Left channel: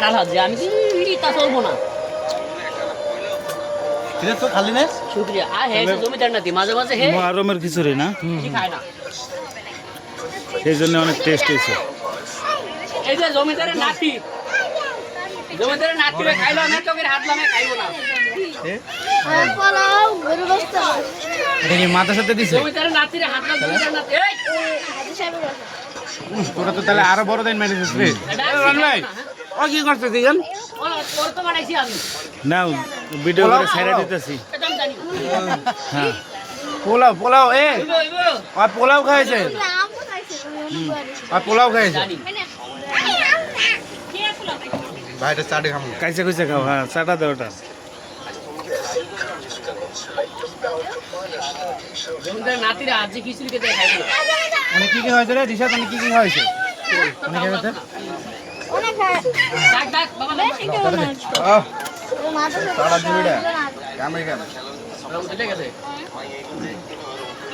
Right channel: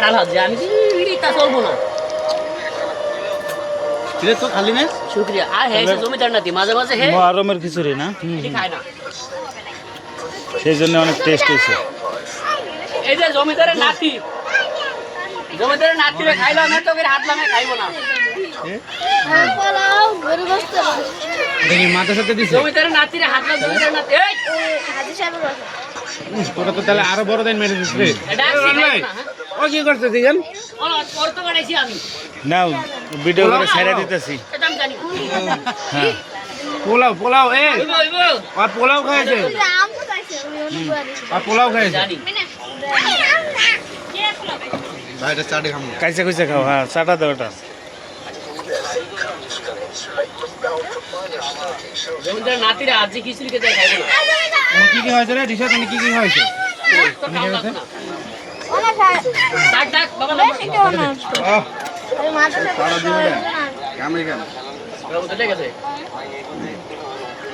কাটাল হাত আমি তা চলবো না তো খালি না শুক্রিয়া আর হ্যাঁ জমিদার নাতি মাঝে মাঝে হে মুহররমের খিচুড়ি না খায় না সেই জন্য অনেক টেস্ট হয়েছে এই যে জমিদারের নাতি খাইলো না তোকে হাত লামে খাইবো না দেখি মাথার সাথে দিছে জমিদারের নাতিরে হাত লাম জমিদারের নাতি এই তোরা তো তাহলে আরো বড় দিন মেরে দিস রে এটা ও কি করতে দিয়েন ওর তো বানাইছি আমি না ভিডিও করে ছেড়ে দিতেছি এটা আমি জানি হ্যাঁ পোলাও পোলাও এ ইগো আর পোলাও খাইছে আর পোলাও খাইছে জানি ভাইটা চাটে খামু কাইসে কইসে খাও হ্যাঁ চাটা দাও ওটা জমিদারের নাতিরে আজ যে খিচুড়ি খেতে খাইবো না মানে কি কি হয়েছে রে ডিশা মানে কি কি হয়েছে ডাক ডাক বাবা না সারা দিন কামে কেন উঠে গেছে